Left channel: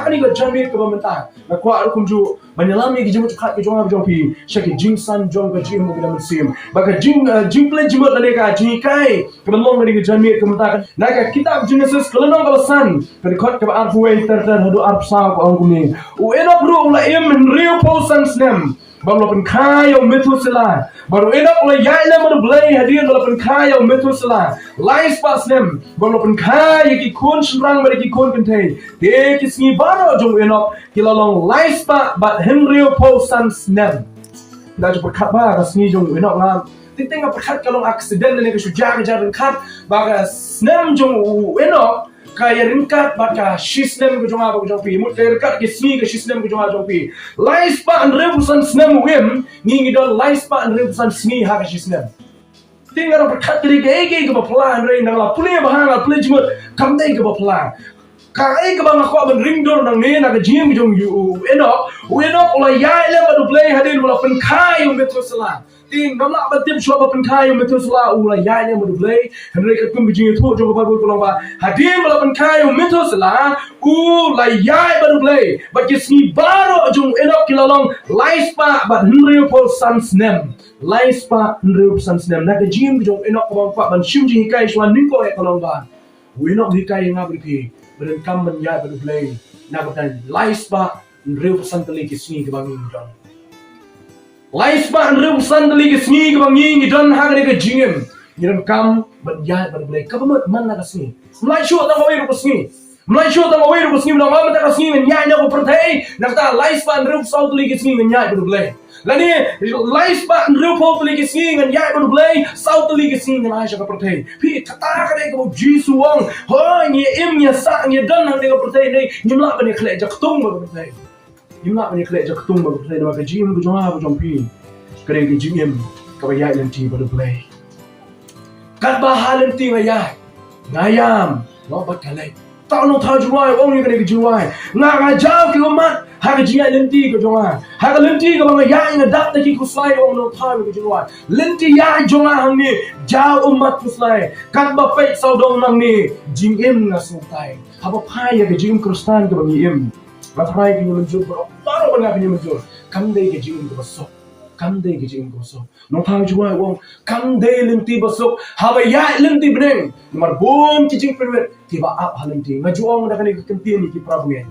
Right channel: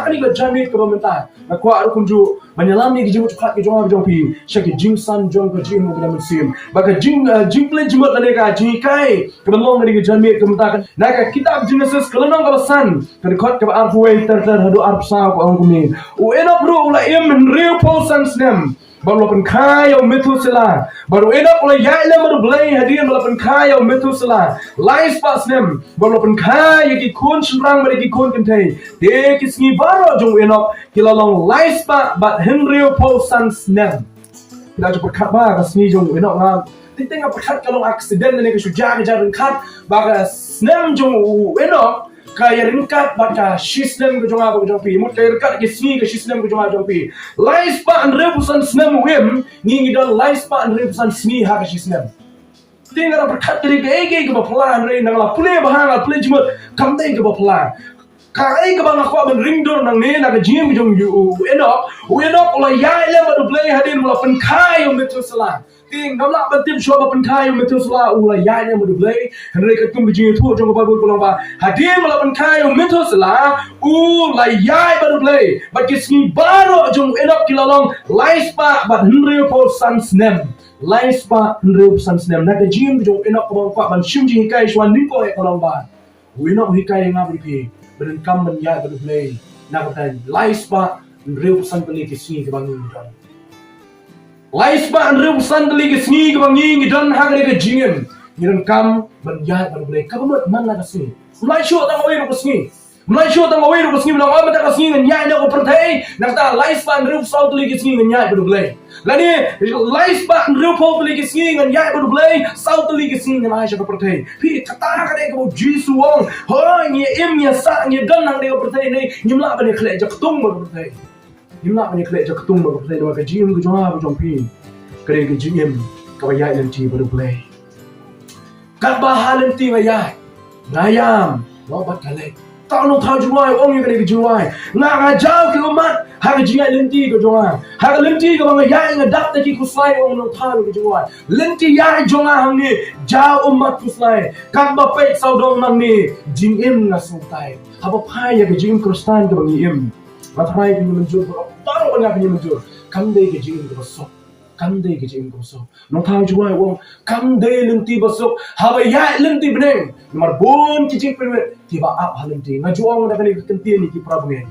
hak ni ke jamit ke pemerintah na kwa aku kunju menyelami ke jemut khat ke jonga jompi syaki jingsan jong ke jim ke musim baka jingple jemut na ka jikai ke belong ke jamit ke pemerintah na ka kitab Genesis kelenong ke san ke khot ke arfuai ter hadu arpsa ko angkuni u enok ru la im real posans nem baru pen kaya Methuselah baru enok oleh Ialap baru Blei hadirin baru pen kaya Methuselah lais pas nem baru pen kaya ki kun serang bagi ki kun kentai de kisni baru jong enok kilalong lais pa bat Henry Paul sans nem kita coba khabar kasni jong enok ngam ting perkat kalau aksiden ni ke sujar jaran khat baga nem jong enok kaya ringkat baka sistem ke jonga ke jompi mut kaya ringkat ke sini ke sistem ke jonga jompi lais pa an rebusan snem wim ngi don lais pa an rebusan sini ha ke sistem tinggal berkat dari ke baplan re nang la pule bahanga pule jumut kamdai ke baplan kai ke bang aku ben ring dor nang ne na ke jim jong yu enok ola Ialap badu Blei hadin ola pen kai Methuselah ting namla batim shwa pen kai Methuselah ola Ialap badu Blei henry ka kum bijing thu jong ba kolong ba hadin ola pen kai Methuselah ola Ialap badu Blei bat kisni baro jong enok kilalong lais pa bat henry Paul sans nem lais pa henry sans nem na ke jim jong enok ko ba ban shim ji kai shwan ning ko e kolong ba enok hi kai ngabri pi Donkam men Ialap badu Blei na ka lais pa real san tali ke sini ke bangi don lais ba real san tali ke sini ke bangi don ha ke jingem ni Donkam men Ialap badu Blei ka ba man na ka sini mulai shu ta ngoi ru sini mulai shu ta ngoi ru sini na ma ta ka sini nyai na ko pertai na ta lais ba real san tali ke sini Ialap badu Blei lani lais ba real po tali ke sini Ialap badu Blei sau tali ke sini na Aisha ka pertai pi kata ka de ko Jisu wong ho ni im ya sa ni don nang de ko pertai ni nyimla ba ni khle jak tung ba pertai Ialap ni khle jak tung ba pertai na ka jim ko jonga ko jompi kare ke jim ka ba Ialap ti ba Blei kat ba halen ti ba Ialap ngayam wa ba kale ta no tha juai ong ni kare ke juai nga jaw ki umat ha ke jia lenti ko jonga ha ke lenti ko ba Ialap nga dak ta ki ku sai ong no tha ko juai lenti ya jonga hang ni jaw umat ku sai kat ba pe sau dong nang ni jim im na su tai ha ba phai ya ke jim kristan ko ba im ba phai ke ni menjur baru ba nga menjur kam dei ke jim ko so kam dei ke jim ko so no tha juai ong kam dei lenti ba so ha ba Ialap lenti beneng nomor bon ki jing perwet ti ba ap halenti ma juang da kani kenti ni ki prabuye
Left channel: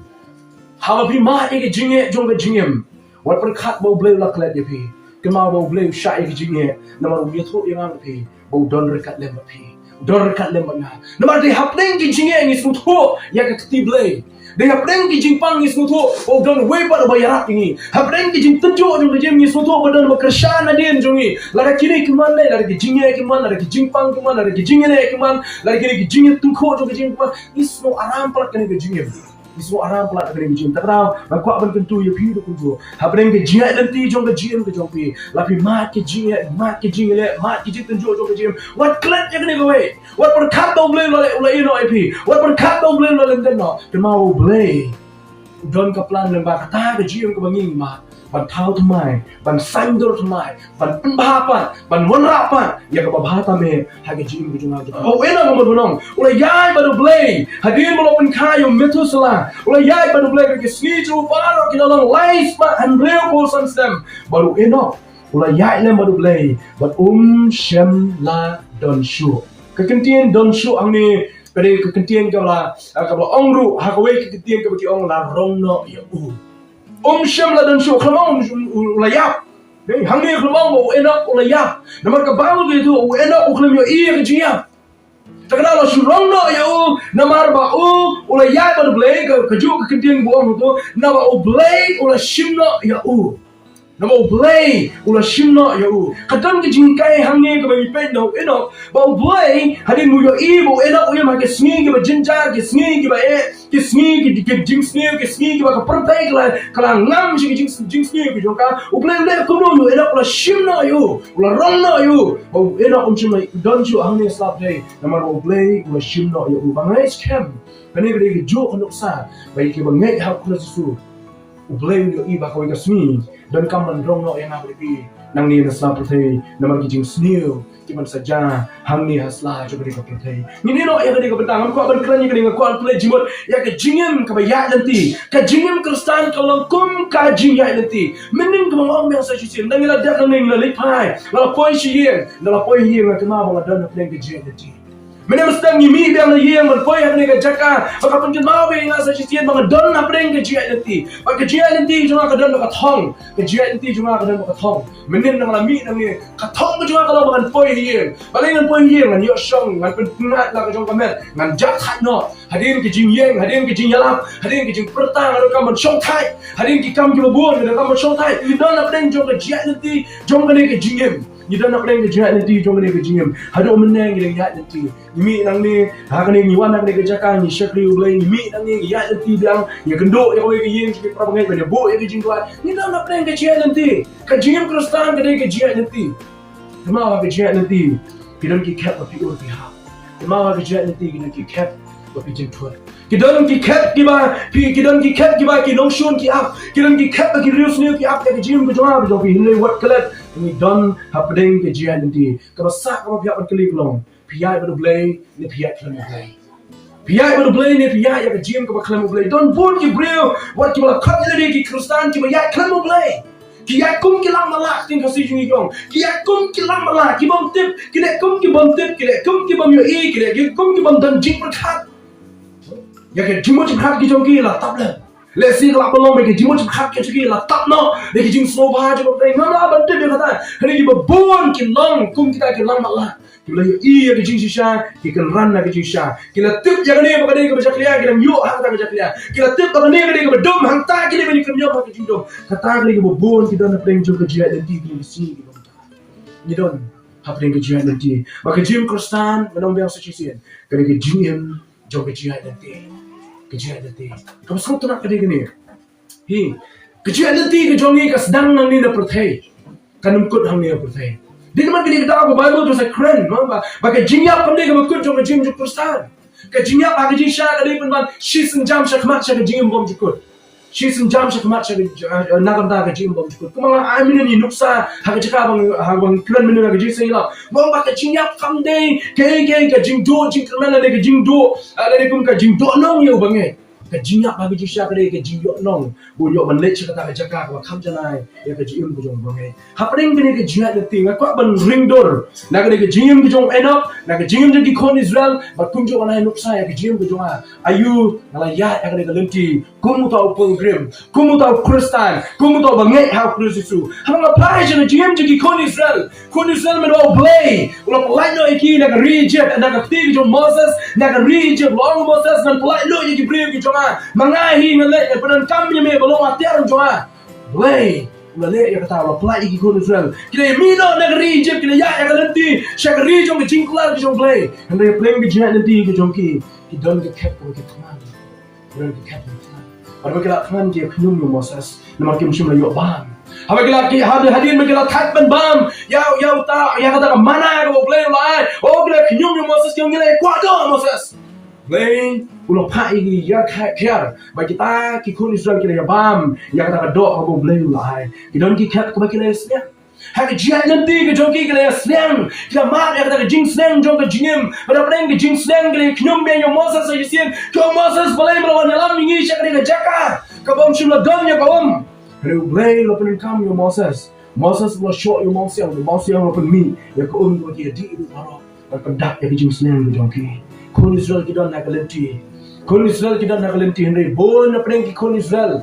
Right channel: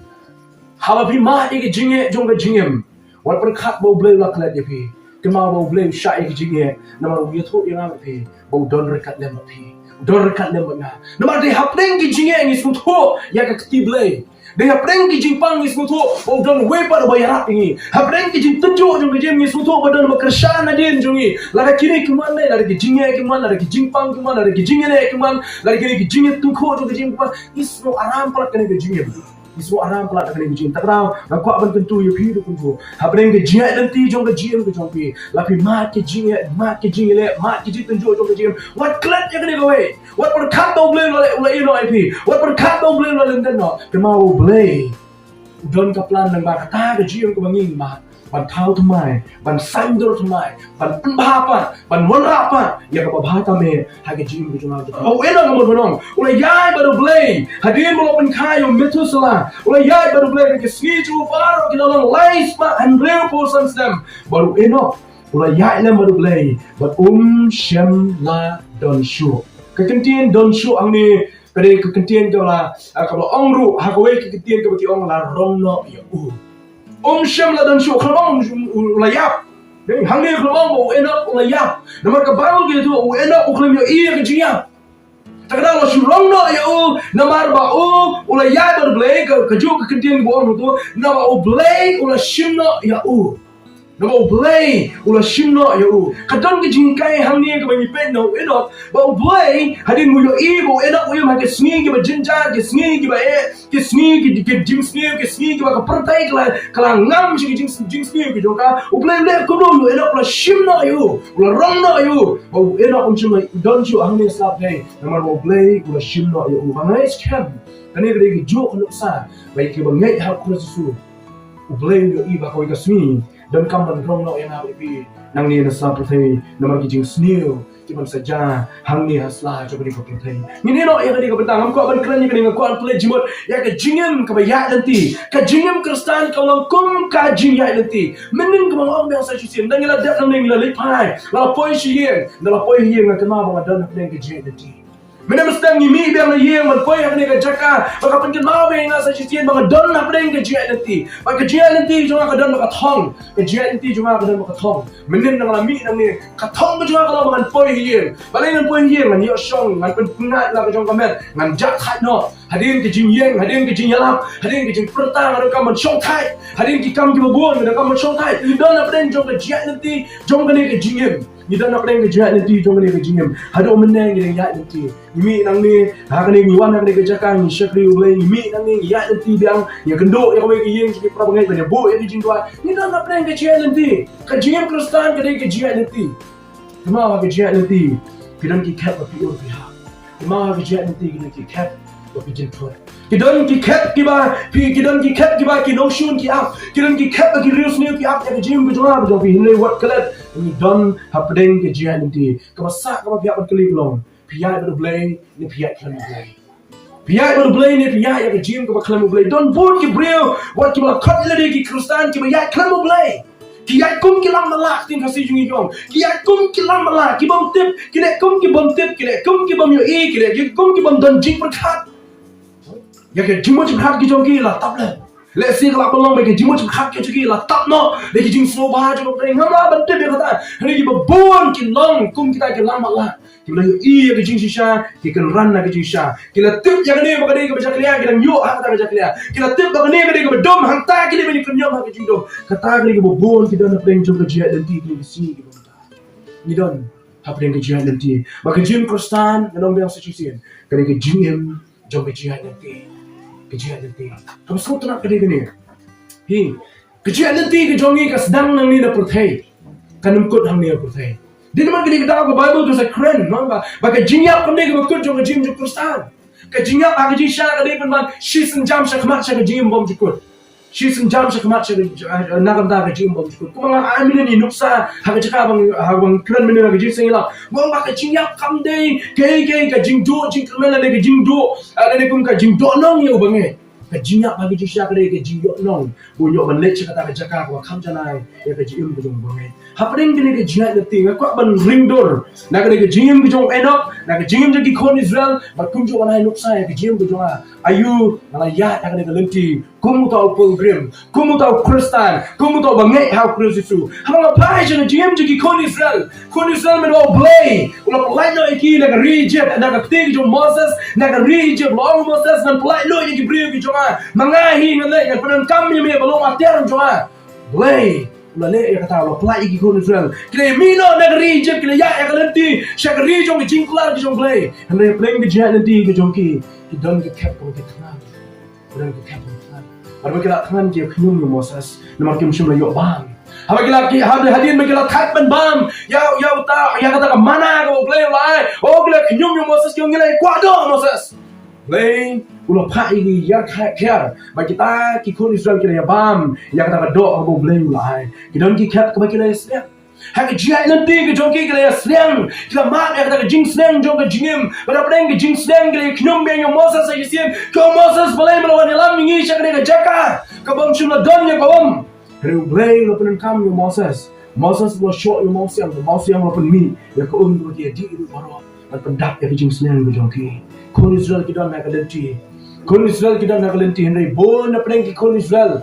ha ba ma ke jinge jong ke jingem wal per khat bo Blei la klet ye pi ke ma bo Blei sha ke jinge nomor ye tho yang am pi bo don rekat lem pi don rekat lem na nomor de hapdeng ki jinge ni su tho ya ka kti Blei de hapdeng ki jing pang ni su tho bo don we pa ba yarap ni hapdeng ki jing tenjo jong ke jing ni su tho bo don ma krishan na din jong ni la ka kini ki man le la ki jinge ki man la ki jing pang ki man la ki jinge le ki man la ki jinge tu kho jong ke jing pa isno aram plat kani ke jinge isno aram plat kani ke jing takrao ma ko ban tentu ye phi do kunjo hapdeng ke jinge lenti jong ke jing ke jong pi la pi ma ke jinge le ma ke jing tenjo jong ke jing wat klet ye kani go we wat per khat bo Blei la ino ai pi wat per khat bo Blei la len den no ke ma bo Blei don ka plan nang ba kata ke jing ke bangi ma ban thau thamai ban sang dor thamai ban pen ba pa ban mon ra pa ya ka ba ta me ha ke jing ke jonga o ena mo bonong ola Ialap badu Blei hadin mo pen kaya Methuselah ola Ialap badu Blei ke ski ju faro ki long lais pa and real person stem baru enok ola Ialap badu Blei bat shem la don shu kekentian don shu ang ni kare kekentian ka la ong ru ha ko we kekentian ka ki ong la rong no ya shem la don shu khlomong la Ialap dei hang ni khlomong bo enok la Ialap nomor ka Bible ke tu enok ukhlem yo ke jia takra lo shu rong no ya nomor ba la Ialap badu Blei ka ju kekentian bo ong tu na ba Blei la shim no ya Namo Blei ula shimno ya kadon ke jingkai hangni ke bagi pen no enok ba Blei hadin mu yo bo enok yo ma ke sngi ke ba jinja ke sngi ke ba ke sngi ke jing sngi ke sngi ke ba ka pertai kala ngam shi ke jing sngi ke joka Blei le ko no yo enok ula shimno yo ula rongno yo ba enok shimno don ju hangni slap dei namar ba Blei ula shimno yo ba ngai scam kani ke jo onok sa ba ke ba ngai ha ko su Blei yo ba ko ka sngi Donkam man rong no yang abri pi nang ni na sa puthai namar ki jing snil Cuman saja hang ni haslah coba di kau play. Ini no yang kau bentang, kau berkeran yang kau play jimut, ya ke jingem ke bayat nanti, ke jingem Kristen kalau kum ka jingya nanti. Mending kau orang yang saya cuci, dan kita dah nang nang lepai, lalu poi siang, lalu poi hiang nak kenapa bang ada nak play ke jingya nanti. Mana mesti ngimi biang na yang berpoi yang ni ke jaka, maka pengen mau biang saya cuci bang ada nak play ke jingya nanti. Maka jingya nanti cuma ada nak thong, ke jingya nanti cuma ada nak thong. Mending nang lami nang ni, thong cuma kalau bang poi hiang, balai nang poi hiang ngan yosong, ngan penat lah ke jong kamet, ngan jak hat no. Hadirin ke jing yang, hadirin ke jing Ialap, hadirin ke jing pertang, ada kamu shong thai, hadirin ke kamu bubuan, ada kamu shong thai. Idan nak pernah jong ke jiat nanti, jong kene ke jingem. Idan nak pernah ke jiat nanti, jong kene ke jingem. Hado meneng ke jiat nanti. Imi nang ni, hakane ngiwan nang ke jakang, ni syekri Blei, imi nang ni jiat nanti biang, ya genduk ya kau ke yang sikit prabangai pada bu ya ke jing tua. Idan nak pernah ke jiat nanti, ke jingem Kristen ke jiat nanti. Kemau ke jiat nanti, kidan ki kat api ur pihak. Kemau ke jiat nanti kidan ki kat tapi jentuan. Kidan ki kat kiba, kidan ki kat kiba ki notion ki up, kidan ki kat ki rius ni ki up ya ki jim berjumpa berjumpa hilai wat kelet. Ini don hapdeng ke jian nanti. Kebasak kau pihak berkelip long. Pihak Blei ni pihak kelemu Blei. Pihak Blei ni pihak ya ki jim kau kelemu Blei. Don pun ki breu wat ki balakot lagi ki Kristen ki pihak kelemu Blei. Kiat kum kilang malak ting kasih jungi jong. Kiat kum kilang malak ki bom tip, kiat kum ki bom tip, kiat kum ki bom yo e, kiat kum ki bom don jing berkat. Ya ke jimut berkat ki jong ki lah tak le. Le si kelak pelong ke jimut berkat ki jong lah tak no. Le ki jing slow bah jong pring ngam bom tip dia kata. Hari ki babon ki long kum kita ki lang malak. Ki la yo e ki jing shisha, ki kan ran na ki jing sha. Ki la tip ya ne ba ke bajak liya ki dang yo hang ta bajak liya. Ki la tip ba ne ke dom hang ta ki ne ni kan yo ha ki jing dom. Kata ki babon ki don pring jong ke jiat nanti ki si ki dom ta. Ni don hapdeng ke jiat nanti. Ba ke jim Kristen nang biang secisian. Kani ke jingem jong ke jiat nanti. Kejian nanti, kamu semua tu nak kedai ni. Hi, kejian nanti kejongi ke sedang nang ni na perthai, kanum kut hang ni na perthai. Di mana kedai kita aku Bible tu saya keren, mamba. Bagai jingyap kami ke bakut jong kejim jong Kristen. Kejingyap bagi jinsha kedai pun man, shisin jam syakmat syak kejim bom jukut. Shisin jam syakmat syak nagam dah kejim bom jukut. Kumang amin ni nuksa, hak jaka bang keren menu nak kejim sengilap. Mong bagai jingyap kami kejing do, jing kerana ada kejing do, ada kum kejing do nong yo bangai. Kejingyap bagi jinsha kedai kejing yo nong. Bunyok manlet kata jaka kau kam janai, ya kejim kejong bangai. Hapring kene kejiat nanti, ngakak ban ring door. Nak kedai kejim kejong enok, nak kejim jadi kon Israel, bakunjuk anai nuksa ya kejim kejong ayu, ngalayat yang kedai kelenti. Kumu tahu pilgrim, kumu tahu Kristen, kumu tahu bangai hal Jisu. Hamang apa aja kejim jadi kon Israel menau Blei. Ulah pelai no iki nak reject, nak ketik kejong Moses, nak reject long Moses dan pelai lo yang kibriu kejong mangahi ngalai dan pedan kami me belum atiar kejong Blei. Malay yang kata Allah pelai iki kon Israel. Kita mino nak reject kita ya yang kelenti, syak rejong kejing kelar kejong Blei. Hendak Blei kejat nanti kejong ki don ke cap ko kita. Don ke cap. Apa kita kan dia kenyum Moses, nama kita mesti melayu bam. Apa kita hadirin kita tak bam, ya tak, ya kata mana kau Blei lai, oh kita kenyum Moses kau ngilai kuado Moses. Blei, ulah pai ya khair, bagi kita kikun Israel kita ya bam, ya kata doa kau Blei lai. Kita kita kita ya hak jiat nanti ke jongki kita slang kita mat ya kata jing slang jong ke jingim pada pernah ke jing slang kita kenyum biang yang Moses saya sian kau Moses Blei melawan Ialap mingi syak ke jaka kau bom shimla don ya kau Hari Blei lo pernah kam yang Moses lo show yang Moses lo pernah mi ya kau tu dia di itu baru dan pendak ya ke jing slang ke jongki kon Israel kita nak kelenti Henry bon pernah ke kon Israel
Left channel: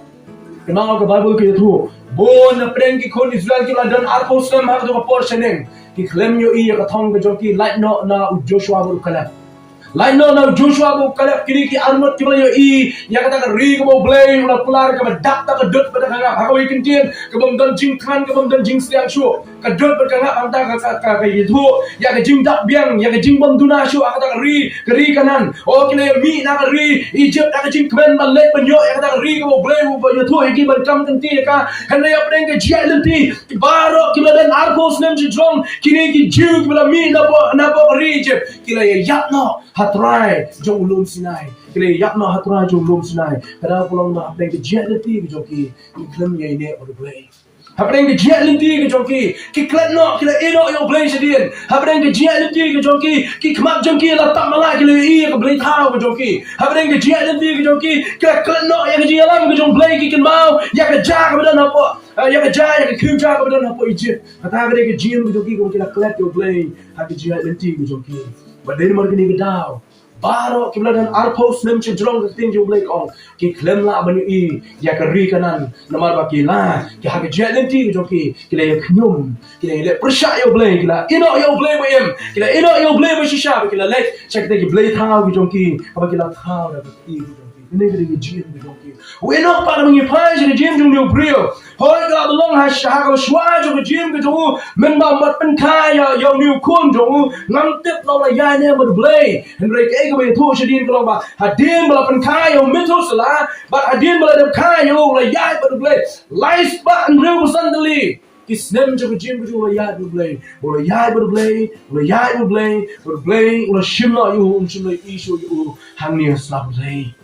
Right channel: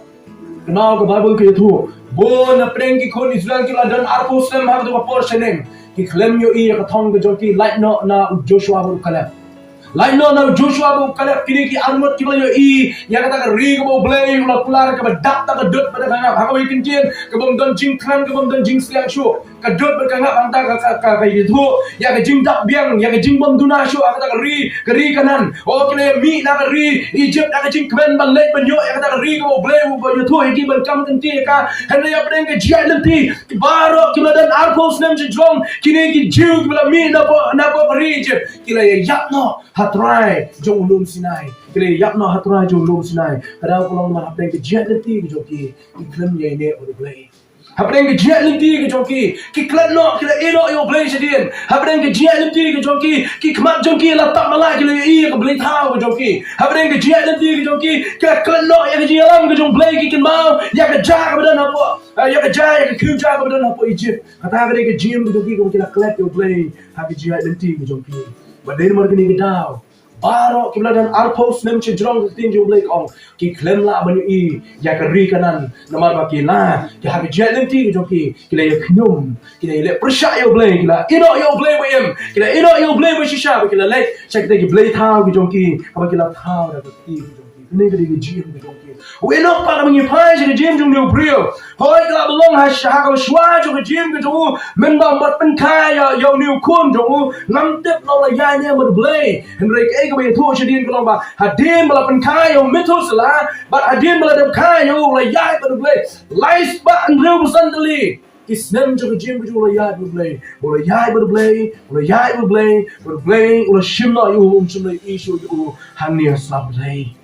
kenal ke Bible ke itu bon apreng ki kon Israel ki dan arpos nam hak do portioning ki klem yo i ka thong ke joki light no na Joshua bu kala light no na Joshua bu kala kini ki armot ki yo i ya kata ka ri ko Blei ula pular ka dak ta ka dot pada kanga ha ko ikin tien ka bom don jing khan ka bom don jing siang shu ka dot pada kanga anta ka itu ya ka jing dak biang ya ka jing bom duna shu kata ka ri kanan o kile mi na ka ri Egypt na ka jing kmen ban let ban yo ya kata ka ri ko Blei bu yo thu ki ban kam kan ti ka henry apreng ke jiat nanti baro ki dan arpos nam jong kini ki jiu ki mi na po ri Egypt kila ya yakno hatrai jong ulum Sinai kile yakno hatrai jong ulum Sinai kada pulang na apreng ke jiat nanti ki joki iklam ye ne o Blei Habren ke jiat lenti ke jongki ki klat no kila eno yo Blei sedien. Habren ke jiat lenti ke jongki ki kmat jongki la tak malai kila i ke Blei thau ke jongki. Habren ke jiat lenti ke jongki kila klat no ya ke Ialap ke jong Blei ki kin mau ya ke ja ke badan apa ya ke ja ya ke khiu ja ke badan apa Egypt. Kata ke jim ke jongki ko kila klat yo Blei ha ke jiat lenti ke jongki. Badai mar ke ni ke dau. Baro kibla dan alpos nem che jrong ke tin jo Blei ong ki klem la ban i ya ke ri kanan namar ba ki la ki ha ke jiat lenti ke jongki kila ya knyum kila le persya yo Blei kila ino yo Blei wem kila ino yo Blei ba shisha kila le check ke Blei thau ke jongki apa kila thau da ke ti ke jongki ni ke jim ke jongki we no para mengi pai ke jim jong yo brio hoi kila belong ha sha ka shwa jo ke jim ke jo men ba mat pen khai yo new kun jo ngam tip no la yai ne mo Blei henry ke ke be thu shadin ko ba hadin bala pen khai yo mitu sala ba hadin bala de khai yo la yai ba Blei lies ba and real suddenly Isnem jo ke jim jo la yai ba Blei bo la yai ba Blei bo la yai ba Blei bo Blei bo shimla yo shimla issue yo hania slap Blei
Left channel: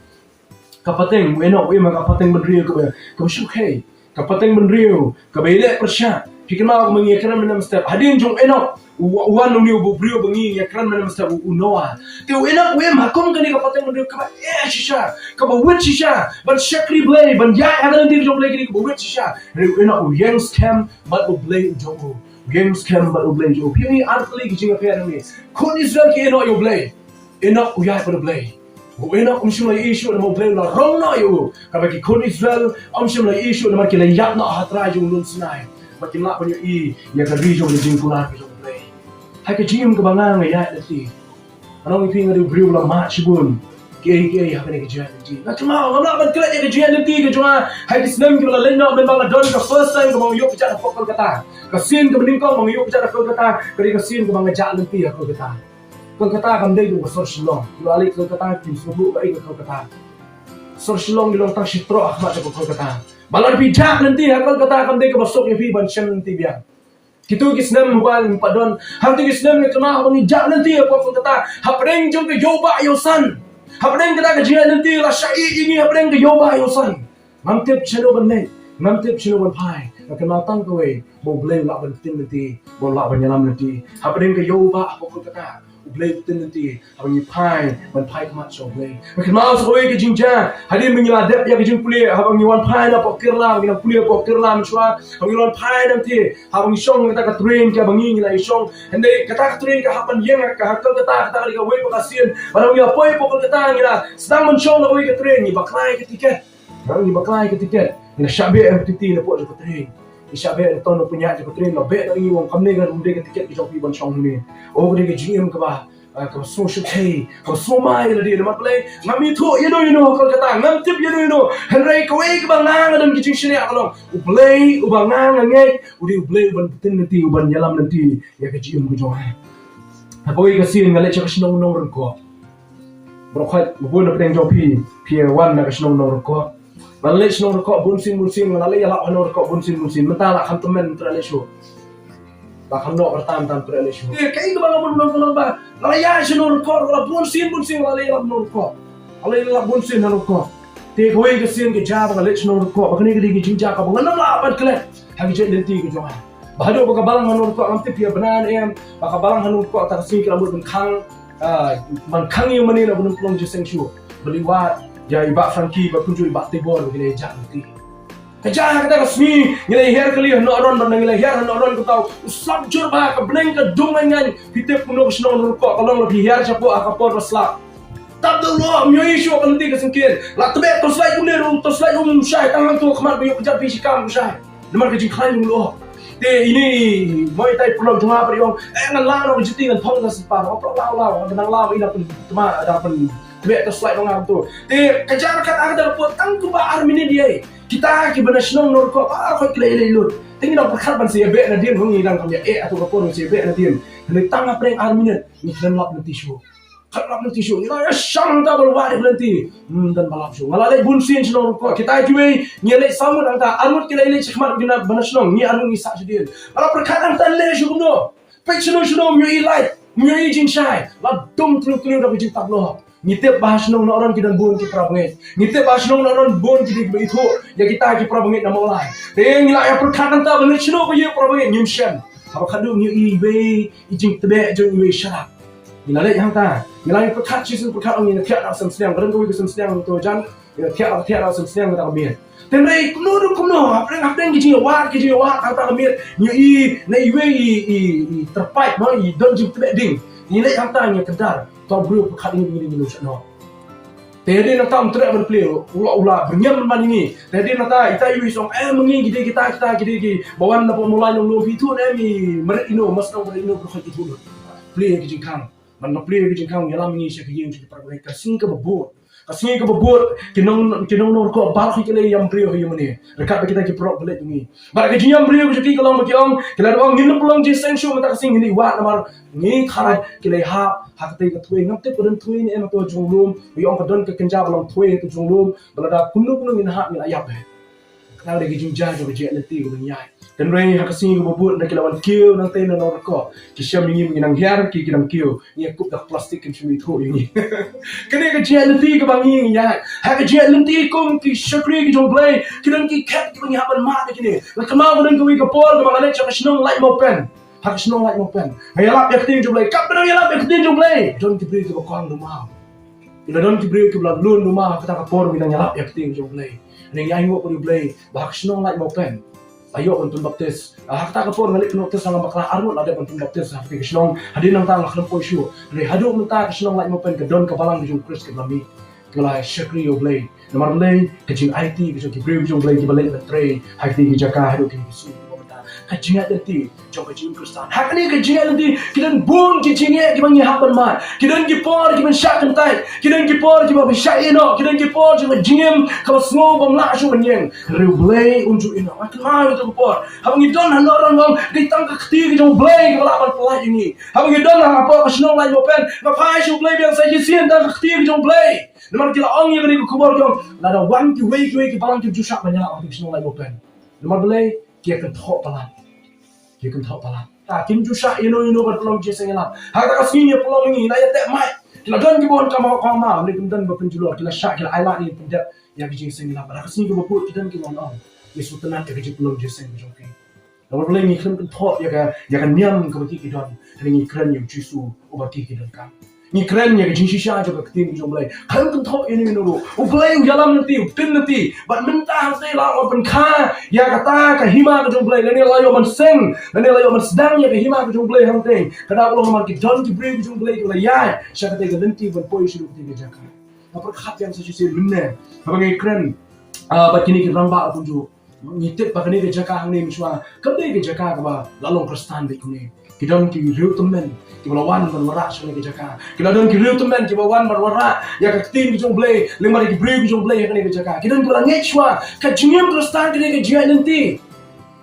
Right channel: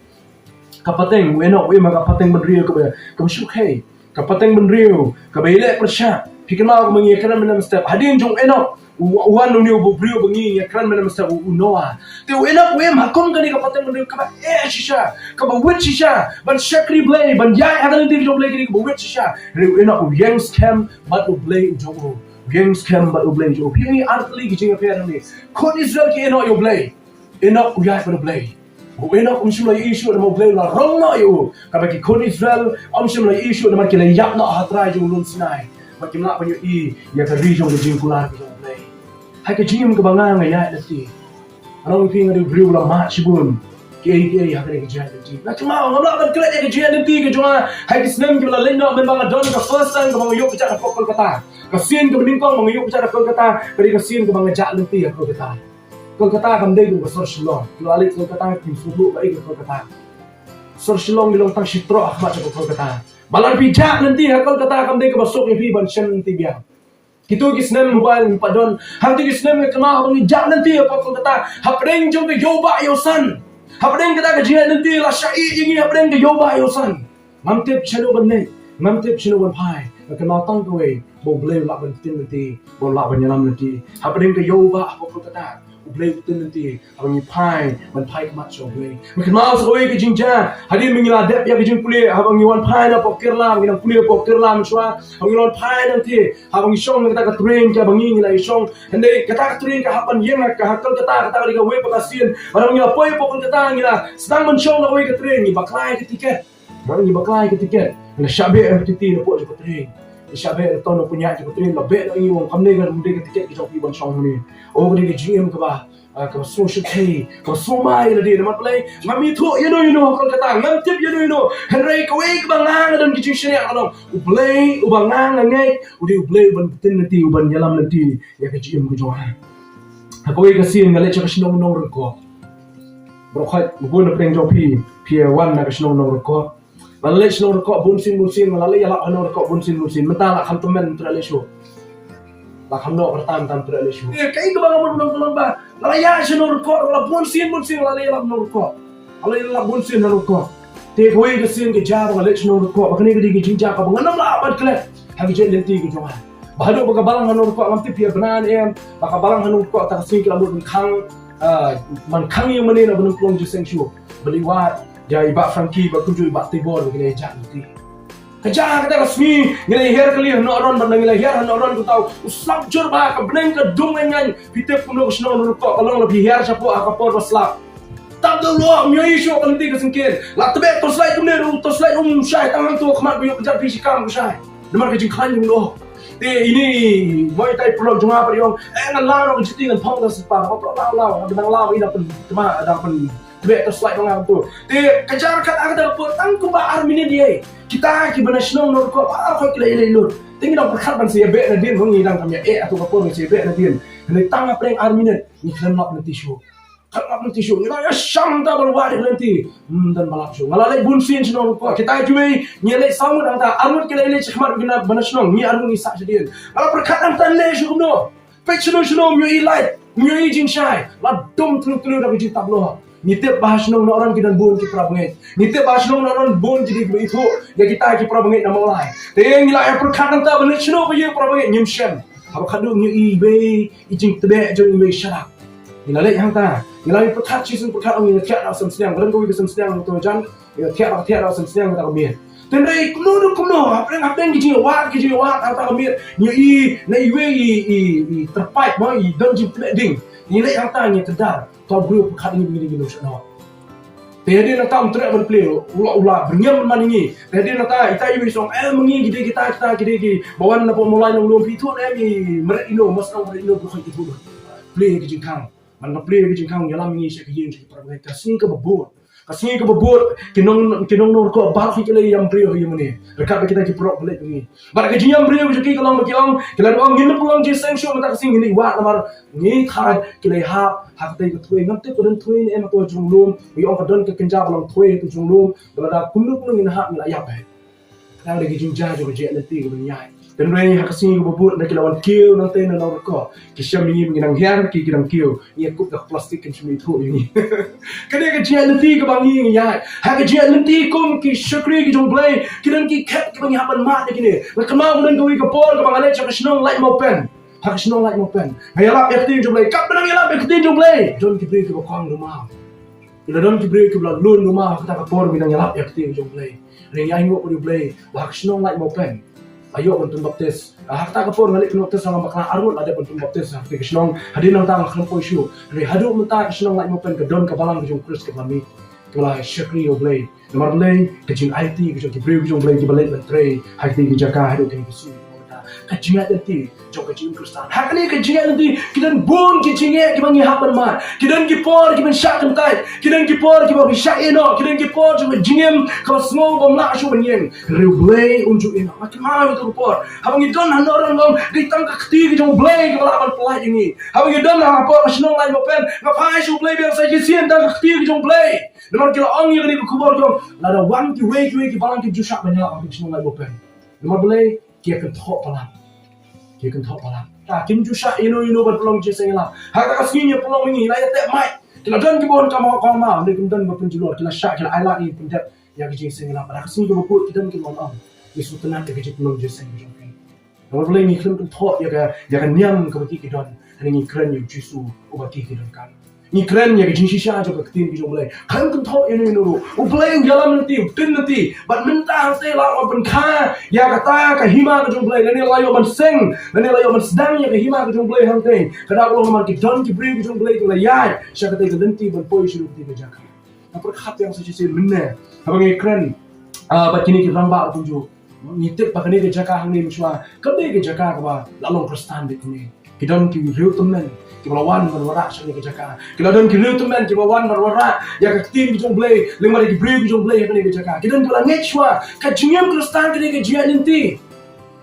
kapateng we no we ma kapateng benrio ke shukhe kapateng benrio ke bele persya pikir ma mengi kran menam step hadin jong eno wan uniu bu brio bengi ya kran menam step unoa te we no we ma kom kani kapateng benrio ka shisha ka ba wit shisha ban shakri Blei ban ya hadan dir jong Blei kini ka wit shisha re we no yang scam but Blei jong yang scam but Blei jong pi artli ki jinga per ni kon Israel ki eno yo Blei eno ya pa Blei Uena umshimla issue na Blei la rong na yo kabaki kon Israel umshimla issue na markila yap na hatra jo lun Sinai makimla panyo I ya ka region de jingkular ko Blei ha ke jingim ka banga ya dati anong iping adu brio la ma shibun ke ha ka ne ke jia dati na kima ngala ban kala ya ke jia dati ke jwa ha ke snem ke la lenda ben banga don ka first time ka yo pija na pokol kata ka sin ka mning ko mang yo pija na pokol kata ka sin ka banga ja dati ha ko kata Kolkata kam dei ko sor shilong lo ali Kolkata ki subu ba ko Kolkata sor shilong dilong tang shitro ahmat ko Kolkata balar pi jak nanti ha Kolkata kam dei ko basok ni pi ban shen nanti biang kitu kisnem mobile padon hang ti kisnem ke kana ni jak nanti ko Kolkata hapreng jong ke yoba yosan hapreng kata ke jia nanti la shai ingi hapreng ke yoba yosan mamtep chalo ban nei mamtep chalo ban pai kana tang ko we bo Blei la ban tin nanti bo la ban yalam nanti hapreng ke yoba ko Kolkata Blei tin nanti abang pai ban pai kamat so Blei makin mau so ke jinja hadin mengila dep ya ke jing kuliah abang wan pai na pokir la ngila kuliah pokir la mswa abang wan pai nanti abang shong kata ka train ka bangi ngila shong hande kata ka train ka hapan yang ka hakal kata ka we pakasian abang ngila poi pokol kata ngila sedang men shong na we ka train ni baklai ke tiket bang ni baklai ke tiket na shabe FTT na po ka train Isyabe ton no punya je kutrin la be no i wong kamne ga runde ke tiket ke joki bon chong ni o ni ke GM ka ba ka social pay ka so mai la de ma Blei ngami thu you know ka kata ngam tip you know henry ka we ka bang nang adam ki sharia ka long Blei u bang nang ngai u di Blei ban tin nanti u ban yalam nanti ya ke GM ku jo ha ko we ka sin ngale cha ka shnong nong ro ko bro khat bu na preng jo pi 1 na ka shnong nong ro ko Malay snow rekod bunsin malay Ialap hano rekod bunsin mentala kham temen trale show la kham no pertam tam trale show kai ke bang mun ba la ya snow rekod la bunsin malay Ialap no rekod malay Ialap bunsin no rekod te koi ke sin ke ja malay snow rekod bakni ke di jinja ka bang nam la abad kle ha ke lenti ke jo bahado baka balang hano rekod ngam te pia banan baka balang hano rekod ta sin ke lamun khang man khang yung manin abun plong je seng show beliwat ya ibak Frankie bakunju ibak tibor begini jan nanti kerja kita resmi ngilai hair kali no ron ban ngilai hair no ron ku tau uslap jur ba ka bleng ka dung ngan pitep kuno sno no ko kalong lebih hair sapo akapor slap tak dulu myo isu nanti ke singkin la tebe to slide kuno to slide syai tangan tu khamat biyo pejar fisikam syai demar ke jing khan lo te ini moi tai pulau juma priong ngan lao no jiti ngan thong da spa ko lao demang lao ina pun cuma ada pun Blei to slide orang tu. Te kejar kat ada pun tang ku ba armini dia. Kita ki bana shnong nor ko ko klei lur. Tingi dak khat ban se be na din ngi dang kamya atau ko pun se be na din. Ni tang apreng armini ni klan lap nanti show. Khat lap nanti show. Ina ya sham da bal wa nanti. Dan balap show. Ngala le bunsin shnong ko. Kita juwe nyele samud ang ta armut klei le chkhmar bina bana shnong ni armut ni sa sedin. Ngala perkhat am tan le show no. Pe shnong myo i light. Myo i jing shai. La dum tru dak jing tablo. Ngitip bahas nong orang kita bun ki prabangit. Ngitip bahas nong orang bun jadi itu ya kita ki prabangit nama lain. Teng ngila ya perkat nang ta balik sino ba ye prabangit nyimshan. Haba kadu nyu i be i jing tebe jo i sharap. Ngila le yang ta. Ngila ya perkat Jisu perkat ong ni tiada sam siang ren ko wi sam siang to jan tiada sam siang ta kami. Teng dai kuno apa yang giji wa ta kami nyu i na i we i terpait mo i don jing tebe ding. Ngila yang ta nya kedar. Tahu beliau perkat ini begini dulu sana. Tadi nak tahu terak berpelih, ulah bernyam man ini. Tadi nak tahu kita ini song mengi kita gede bawan apa mulai yang belum itu ni meret ino mas nang meret ino berkhidmat itu. Pelih ke jengkang, mana pelih ke jengkang yalam ini saya kerja untuk perbaiki kasih ke bebot, kinong nor ko barak kita yang beliau yang mana. Rekat kita ke perok belit ini. Barak kerja yang beliau jadi kalau macam kita orang ngin pulang je sensio kita kasih ini wah namar ni kharai kita hak tay ka thuê ngam te kodon thuê ni em to junglum wi on ka don ka kenja balang thuê tu junglum balada kunnu in ha mi ayap he kana de gijin ja jo je leti ko nyai dan re ha ka sing ko bubut na kilawan kiu nang te na no ko ki sham ni mi nang hiar ki nang kiu ni kup da plastic kan chumi thu ni kane ka je leti ka bang ni nyai ha ka je leti kum ki shakri ki jong Blei ki dan ki khat ki bang ha ban ma de ki ni la kama ko dan ko wi ka por ka bang ale cha ka shnong light mo pen harus nolak mopen. Ialap ya keting Blei. Kap benar Ialap ya keting Blei. Don kibri ke bakang rumah. Bila don kibri ke belah lun rumah kita kapor bina Ialap ya keting Blei. Ring yang ngok di Blei. Bahak nolak mopen. Ayo bantu baptis. Hak tak kapor balik baptis sama makna arut ada bantu baptis. Hak ke senong hadir nang tang kham poisyu. Re hadu mentah ke senong like mopen ke don ke balang ke jong Kris ke bami. Kelai syakri Blei. Nomor Blei ke jing IT ke jong kibri ke jong Blei ke balik betray. Hak ti ke jaka hadu ke bisu. Kajian nanti, jom kajian Kristen. Hak ni kajian nanti, kita bun kajian kita ni hak bermat. Kita ni por kita syak kentai. Kita ni por kita bisa eno. Kita ni por kita jingem kalau semua bamla asyik menyeng. Blei unjuk eno. Macam mana itu por? Hak ni don han orang ngom kita kekti kita Blei kalau akan pelaj ini. Hak ni don hang apa kesenong lagi mopen. Ngapai asyik Blei biar saya jisian dan kekti kita Blei. Nomor kita orang yang ni kubur kita. Lada wan kiwei balang kita jusak banyak orang kesenong lagi mopen. Nomor Blei kia kan thok palang. Dia kan tahu pala. Tak kim jusah ino berpeluang je sengalah. Harga kasihnya peluang ini layak tak mai. Kita dan kibon kamu ni kemudian berpenjual. Kita syak kita Ialap ni pendat yang je sengalah. Pada kasihnya kibon kita kibon on. Yesus tenang dia kerja peluang je sengalah. Namun boleh ni kan tahu ya kan niang kebaki kita. Hari ni keren yang Jisu ubaki kita kan. Ni keren ya kerja sisa aja ketin kita Blei. Kan tahu ino. Blei Ialap nanti, tin nanti. Bat mentah saya lah open car. Ya kata kahima ke Blei. Nani layo man sing. Nani layo man sedang ya kahima ke Blei hangting. Kada Allah man ki don ki bri ke Blei ke Iaid. Saya kata ke nanti ban poi siru ke jaka. Apa khat yang saya sisi minne. Apa ni keren. Bat kini ki ramba pun jo. Ngitip bakani ke jaka hang ni miswa. Kebe ke jaka ba lalong Kristen de kuni. Ki don ki riu temen. Ki lawan berwarak sini ke jaka. Kita dan kiriu teman ki lawan berwarak ya ke tim ki Blei, lima lagi beri ki Blei ke jaka. Kita dan kala ngechwa ka jingem Kristen ke jia nanti.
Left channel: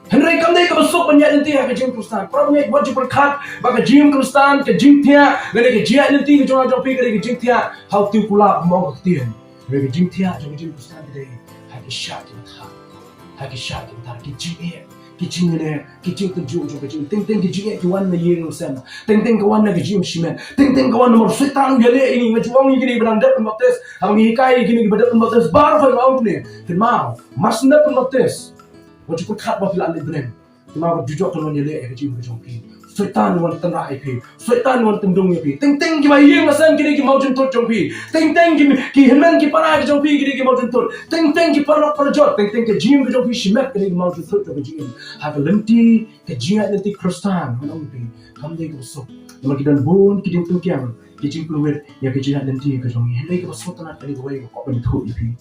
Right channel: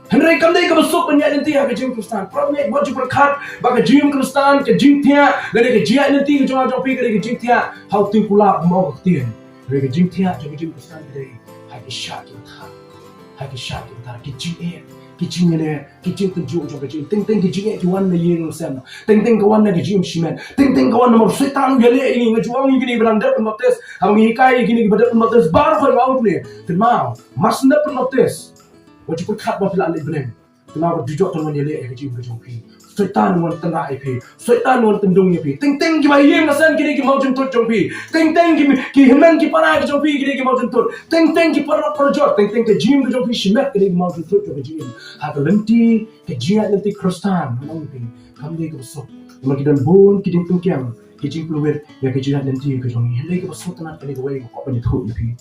Henry kamdai ka besok penyak nanti ke jing Kristen. Problem buat jupur khat ba ke jing Kristen ke jing tia ke jia nanti ke jong pi ke jing tia. How tu pula mau ke tien. Ke jing tia ke jing Kristen ke hai ke syak kita. Hai ke syak kita ki jing Kijing ni, kijing terjun jo kijing, ting kijing kawan na yeng sem, ting kawan na kijing simen, ting kawan na mersetan gale ini ngajuang ini gini berandap pembatas, kami kai gini berandap pembatas baru hari awal ni, termau, masnya pembatas, wajib berkat bafil alik benem, termau berjujur tuan yale kijing berjongki, setan wan tengah IP, setan wan tendung IP, ting kita yeng asan gini kita mau jentut jongpi, ting kita hendan kita parah jongpi gini kita mau jentut, ting kita parah perjot, ting kijing jongpi simet gini kita mau jentut jongpi. Hak lenti kejian lenti Kristen menang pi kami ke besok nama kita bun kita tungkiang kijing peluit ya kejian lenti ke jong hele ke besok tanah kali dua kok bentuk pi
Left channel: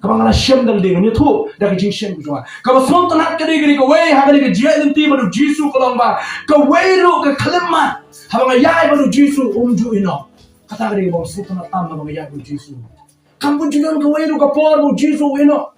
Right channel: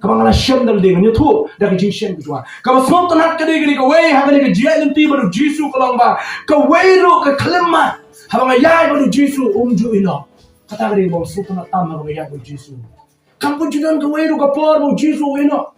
kamang ala syam dal ding ni tu dah kijing syam ke jwa ka besok tanah kali gini ke wei hak ni kejian lenti madu Jisu kalong ba ke wei ru ke kelema habang Iaid madu Jisu umju ino kata gini bang besok tanah tam habang Iaid madu Jisu kampun juga ke wei ru ke por madu Jisu ino.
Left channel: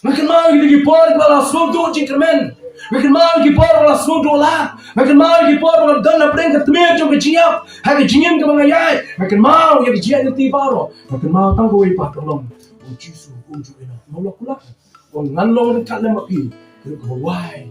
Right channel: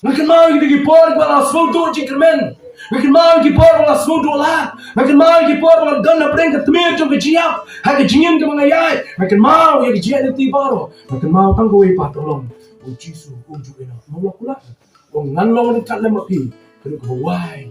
Makin mau kita por kalau semua tu cingkermen. Makin mau kita por kalau semua tu lah. Makin mau kita por kalau dan nak pergi ke tempat tu kejiap. Hai kejingin ke mengayak. Makin mau ya kejiap nanti baru. Makin mau tangguh ipa tolong. Jisu unjuk ino. Mau pula. Ngan long dekat lemak pi. Kalau kau wai,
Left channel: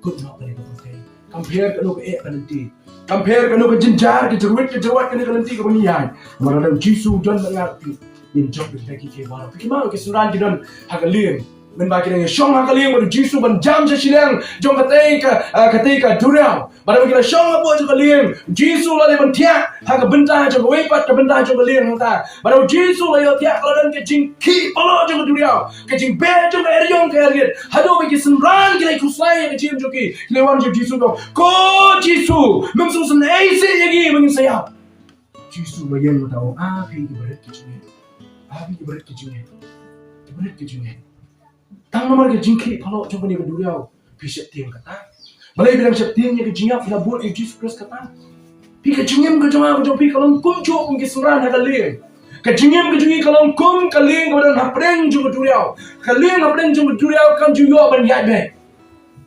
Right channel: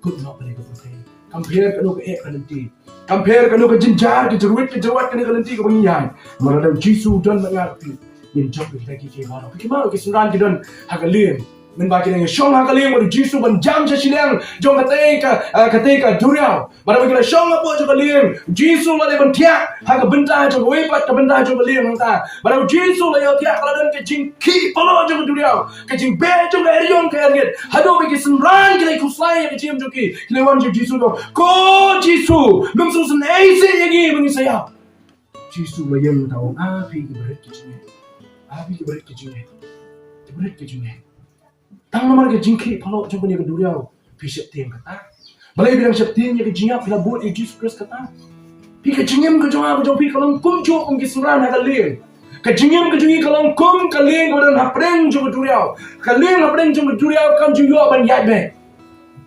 kau nak balik ke tempat. Compare kalau ke nanti. compare kanu ke jinjar ke jeruit kanu kelenti ke pengian mana Jisu don mengapi in job lagi ke baru kemana ke suran ke don hagaliem men bagi dengan syong hagaliem baru Jisu ban jam sesilang jom ketika duriau baru kita syong apa jom hagaliem Jisu lah ban tiak haga bentah jom wepat ke bentah jom hagaliem ta baru Jisu lah tiak kalau dan ke jingki palo jom duriau ke jing be jom ke eriong ke eriet hado bagi suran kita ikuslai ke jim joki lewan jom Jisu ko Jisu mengsusun isi lagi mengisaya Jisu mayang tahu api berat kecilnya berat kecilnya tang nomor ke jingki kalau coba ni keduriau pisat tiang kata balai bilang septiangnya ke jingap bila buat Yesus Kristus kata pi ke jingim ke jongah pi kalau kum cuk ke suran hak leh ke jingim ke jungi kalau kum kaleng kemudian hapreng jo keduriau kaleng hapreng jo keduriau kam juyo ban Iaid be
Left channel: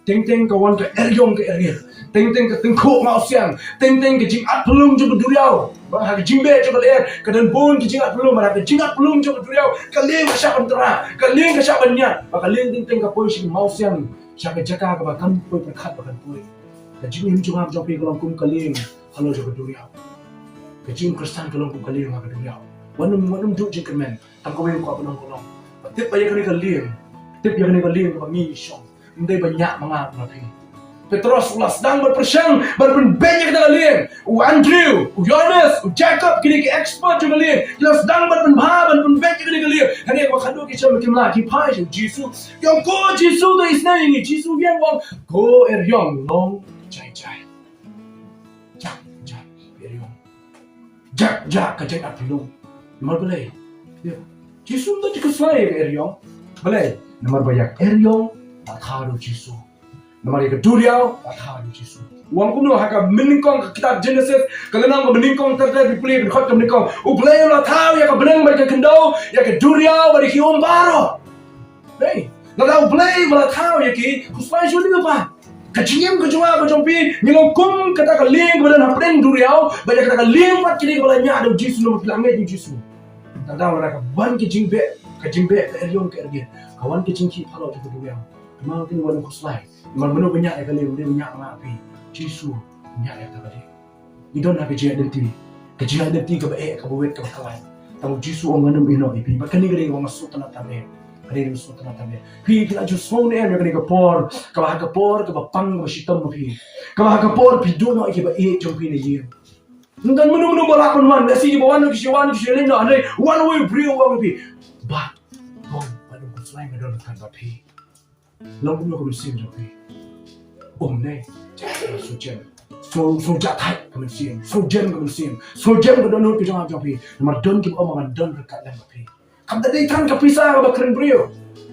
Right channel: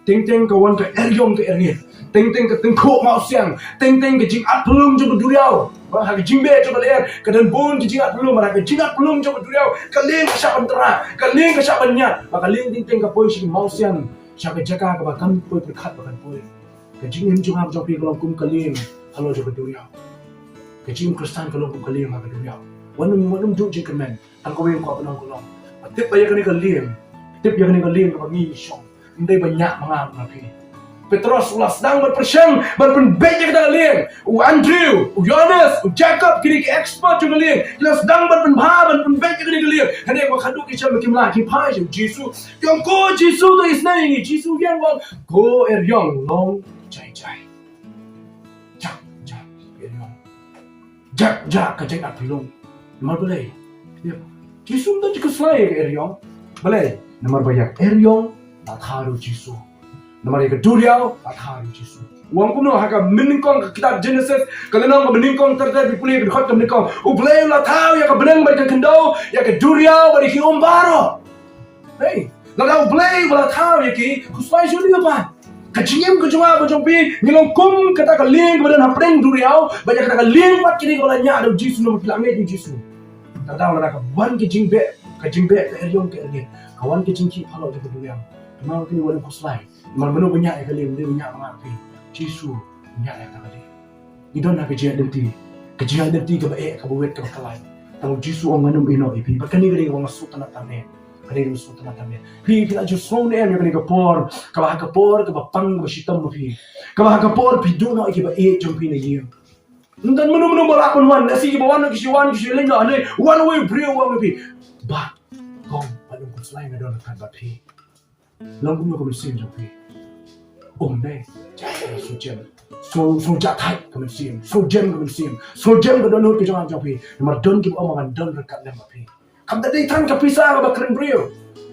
ting kawan ke eryong ke eriet ting ke tengkok mau siang ting ke jingat belum jo keduriau bang hak jingbe jo keler ke dan bon ke jingat belum hak jingat belum jo keduriau kaleng ke syak bentera kaleng ke syak banyak maka kaleng ting ke poi sing mau siang syak jaga ke bakam poi berkat bakan poi ke jingim jo ham jo pi kalau kum kaleng halo jo keduriau ke jing Kristen kalau kum kaleng hak keduriau wanum du jing kemen tang ko wen ko penong kolong tip ayah kini kaleng tip yang ni kaleng ke bangi syong ndai banyak mangap nabi Petrus ulas sedang berpersyang berpenbanyak kita kalian Andrew, Yohanes, Jacob kini ke expert juga kalian kita sedang berpenbanyak kita kalian hari aku kadu kita makin lagi pai Jisu yang ko Jisu tu isna ini Jisu yang wang ko eryong long jai jak eryong jak kajak apilong nomor Blei Jisu tu juga selain eryong Blei nomor banyak eryong tak haru Jisu nomor yang kedua tak haru Jisu uang kuno haka meningkong kitab Genesis kalau meningkong terjadi dipulih berkhot ke meningkong Blei lah tahu ya ke benang bagi kendau ya ke duriau bagi kium baru hey lalu Blei lah tahu ya ki kuslai sudah apa kecingim kejua kejumpi nyelong kum kata keling kemudian hapreng duriau banyak kata keling pat kini kalau ada Jisu nomor kilamet Jisu tak tahu lah kawan kejingbe ke eryong ke ergit kawan kejingki kalau juga duriau memang kini wana kuslai memang banyak ya kali dia banyak mengapi Jisu banyak ya kali idon nak kejia denti ke baik ke buat ke kalai kalau Jisu orang manum ino ipi bahkan ni kali orang masuk tanah tameh pi kita justru ni yang kali ke por ke bapang ke sitam pi ke por pi dono ke baik jumpi ni ye dan menum balakon wan nasi di bawah nak kisiwan kisilin dah ni one way brio orang pi bah kau pada kuslai ngadon kan pi long cũng có mình xem rồi thì đây so chặt thay của mình xem so gem của donor cái trong thì mà don cái ông mà don rekat lem tapi kam tadi thang ka pisah ka keren brio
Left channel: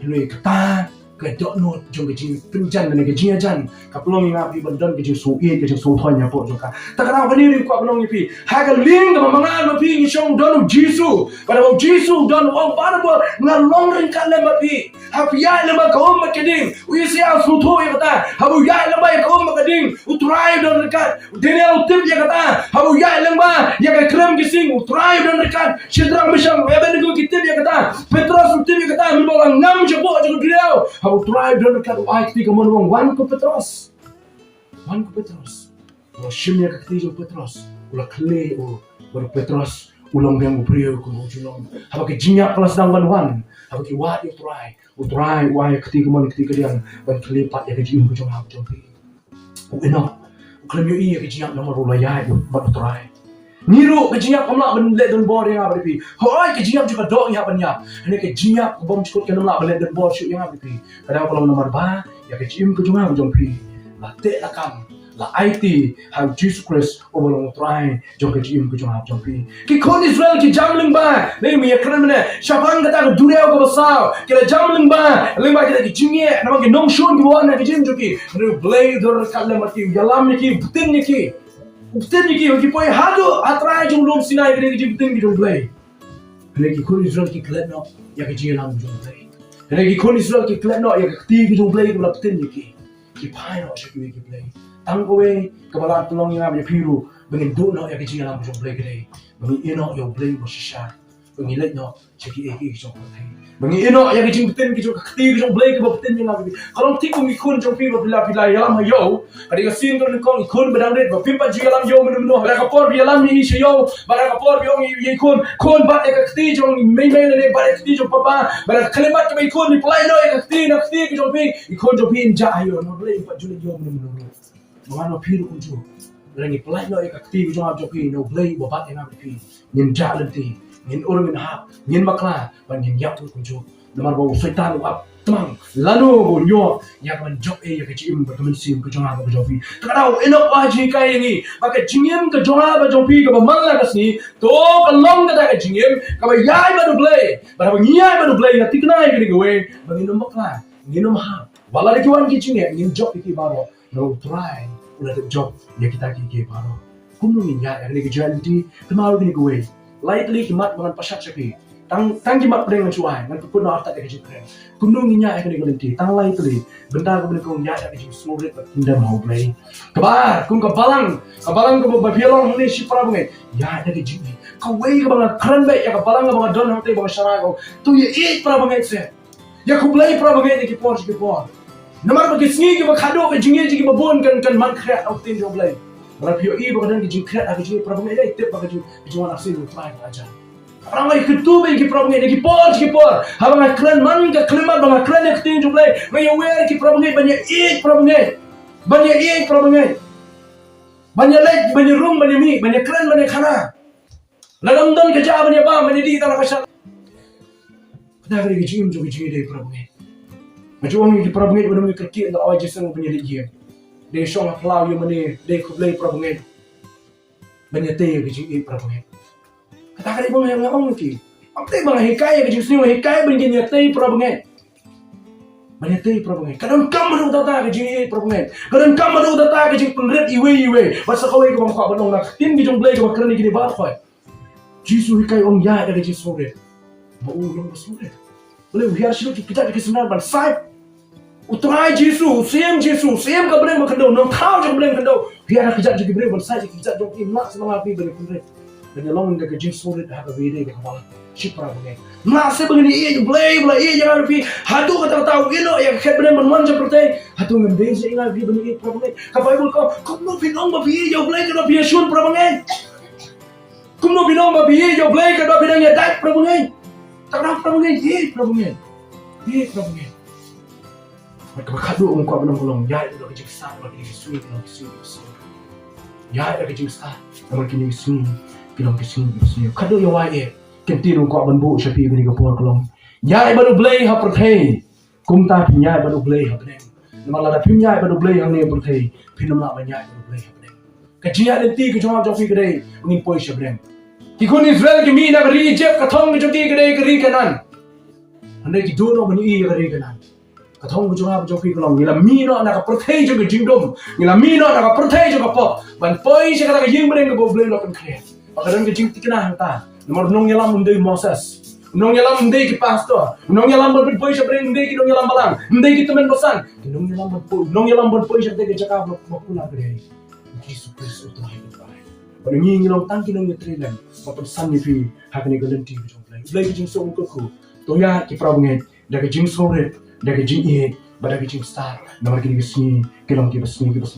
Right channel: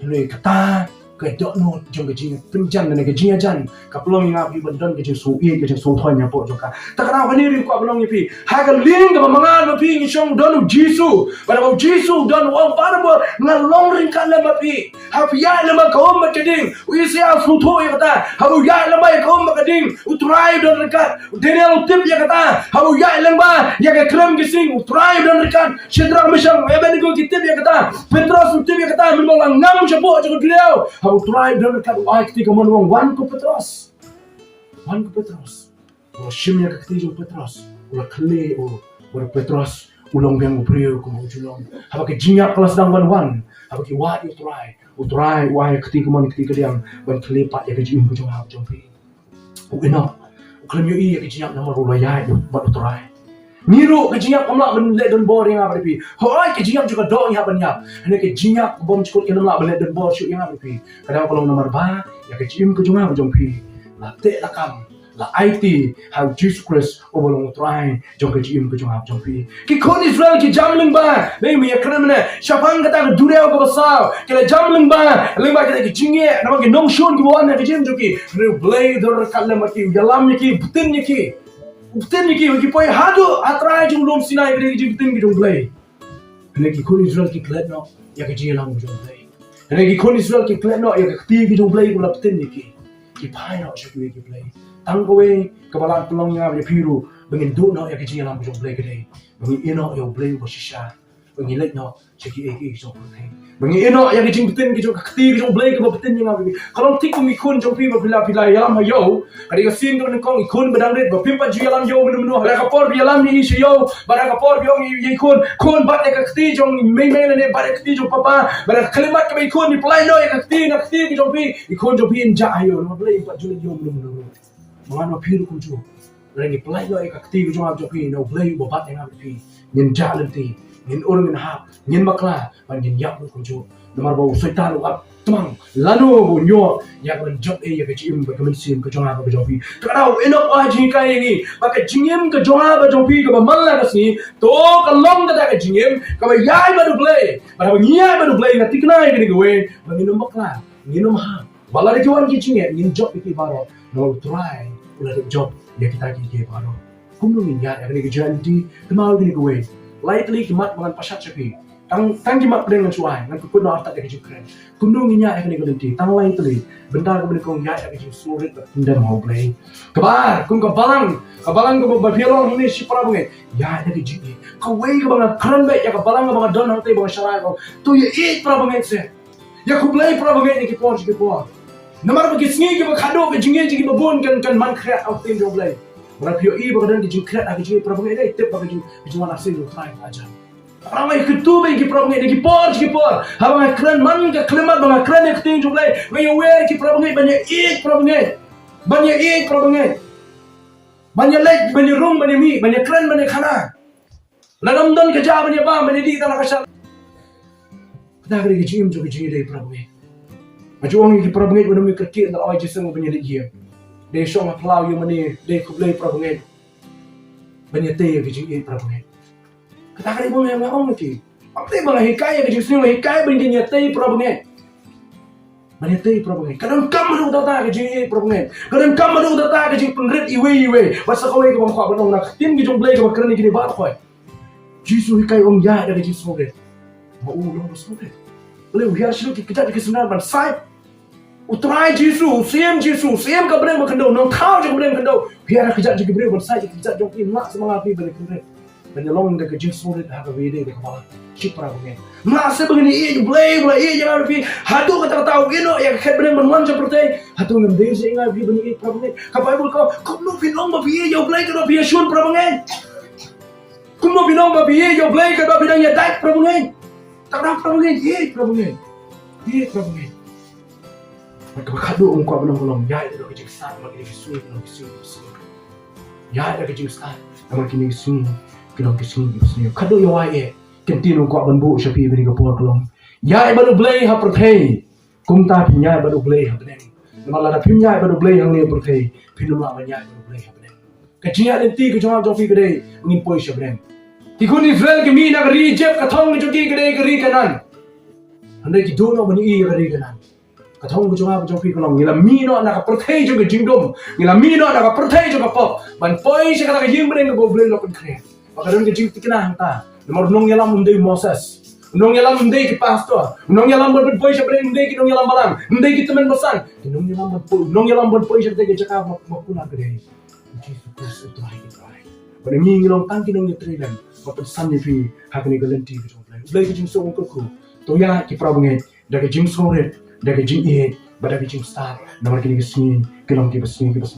ini kata ke donor trong cái jing pinjan dan ke jing ajan ka pelong inga pi bandon ke jing so e ke jing so thonya po joka ta kana ka ni ko pelong pi ha ka ling ka mangan pi ni song don Jisu pada Jisu don ong para bo ngalong ring ka lem pi ha pi ya lem ka om ke ding u sia so tho ya kata ha bu ya lem ka om ke ding u try don rekat Daniel tip ya kata ha bu ya lem ba ya ka krem ke sing u try don rekat Shadrach Meshach Abednego ki tip ya kata Petrus tip ya kata memang ngam jebo jo dia How try don rekat ai ketika mon wan ko Petrus ulah shimnya ketika Petrus ulah kle baru Petrus ulong yang brio ko julong haba ke jinya kelas dang wan haba ke wa utrai wa ketika mon ketika dia ban kelepat ya ke jing bu jong ha jong pi eno klem yo i ke jinya nomor ulaya ba utrai niru ke jinya kamla ben le don bor yang apa pi hoi ke jinya juga dong ya banyak ini ke jinya bom cukup ke namla ben le don bor syuk yang apa pi kada kalau nomor ba ya ke jing ke jong ha jong pi la te la kam la IT how Jesus Christ obolong try jong ke jing ke jong ha jong pi ki kon Israel ki jamling ba nei mi kremne syapang kata duriau ko basau ke jamling ba lima kita ki jingye nama ki nong shon ki wan ke jing joki Blei dor kalle mati yalam ki butin ki poi hado atrai jong lom sinai ke jing butin ki jong Blei ki kon Israel ki klet no ya ke jing lang jong Blei ki kon Israel ki klet no ya ke ti ki jong Blei ko la butin ki pai no syaki ki Blei tang kowe kepala tulong yang ada piru bengin do no ya ke jing lang jong Blei ke dei bengin eno yo Blei bo shisha Mengilat no, cakap jom Blei. Mengilat yang jing betin jom kati jom Blei ke betin yang apa. Kalau tik ikun jom pi bila Ialam hayo, kadang sin tu nengkong ikun bedangret, bapimpa Ialam yo menu rakapor Ialam ni yo, barakapor biong ikun kun bat ek kati jom main le bat kati jom papa, barak kalimat ke ikun ni pelai no ek kati jom pi ikun jom pi inja hayo, no Blei pat julit yo menu. Mengano pi kun jom. Lagi pelai no ek kati jom ab jom pi no Blei bat yang apa pi. Nyen jalenti, nyen orang nyen hap, nyen bakla, ban nyen yak kun jom. Namar bau setan up temang lalu bunyo yang menjok yang kecim ke kemensim ke jonga ke jopi takau enok waji kai ni maka jingim ke jonga ke jopi ke bamalla ke sini to kalong ke tak jingim ke yai baru Blei pada ngiai baru Blei ngati kenai ke gue menginum bakla nginum ha bala de kiwan ki jingim ngin job iki baro no try ulah de job ya kita ki baro kunung ya ni ke janti temau ke gue lightly kimat dengan pasat sapi tang jimat pedeng cuai ngan pukul no arta de keren kunung nya ek ni gelenti tang lai teli benda ko beli ko nya ek ju sulit tinda mau Blei kebar kung kabalang ko babielong ni si para bunge ya ek ji ka wei ko bang keren be ya ka balang bang don hote bang syara ko tu ye eat para bunge se ya ku Blei para bunge ni ki por namar ba kisngi ki ba khado be jinge ji ki ba bon kan man khret au tin jo Blei bara pio i ba dan ki jing khret ak ji para bunge dai tip ba ki juan asin lu try aja Ramai ketubai ki problem ni ki por habang klan man ka klimat bang klan ek tin jo Blei ngai aware ki problem banyak eat problem banyak lek banyak room banyak mi banyak klan banyak khana lagam dan kerja banyak ba banyak di tanah kasar dah kali ki jim jo ki jing dei problem majuang ki problem udah mi kerki dan awai jeseng banyak lek ye de shong aplau yo mani de ku Blei problem banyak te ki jing problem tak ada ibu yang ngomong ki. Apa yang bang hikayat ke justru hikayat begini tei problem. Banyak tei problem. Kadang kamu dah tahu ke jadi problem. Kadang kamu dah tahu ke jadi penrit iwe. Masa kau ikut bang kau benong nak tin bijong Blei ke kerana gini baat kau. Jisu hikayat Iaid ada Jisu deh. Mau orang Jisu deh. Boleh biar sih kita di kesenar ban sai. Utrai Jisu, same ke Blei makendo. Nong tahu je Blei makendo. Biar kerja jadi Blei ban sai kerja jom nak semangat pi beri penrit. Dan long de kejim sulit have a video de kepala cipra begini masih begini iya Blei jangan lebih hatu kata ino yang ket benar benar seperti hatu ngembe sih ingat bi begini problem kapai bul kau no pinong ba bi yo Blei kada bi shun problem kum no pinong ba bi yo Blei kada bi dang ya dak problem tak ada problem maka kadu ungkap benar belum ya itu kejim start bagi sulit ya ada kejim start namun kini sini kilong kisini kado yo wae kentino ko banbu sapi bini ko por kolong yai baru Blei ha perthei kumta pinya baru Blei ha beneng namala da pinya baru Blei hang ne perthei pinamla banya baru Blei ha beneng kajia lenti ko jawab jopi gede ngin poi sha beneng tikun Israel ki mi na ri jep ka thong jo ki gede ki ri kanan ande ki dono mani i ga ri kanan ka thong ko jawab jopi kolong ngila mi no na ka perthei jo ki jingdom ngila mi no na ka perthei jo ka pop ban poi sha ka yim beneng ko Blei lo kan kre Kadang kecing tikna hanta. Nomor nong yalam mundai Moses. Nong yalam mundai ki pastor. Nong yalam berpoi sebenarnya mundai ki nong yalam balang. Mundai ki teman pesan. Nong yalam berpoi sebenarnya cakap makuna gede. Jisu Kristus itu hidup baik. Pada ngilong tangki nong yatrelan. Pesan ni pi hakni galenti ki jong Blei ki jing so ko ko. Toya ki prabunget. Dak jing so red. Dak jing Iaid. Pada ki jing star. Nomor ki sini. Kilong ki besni ki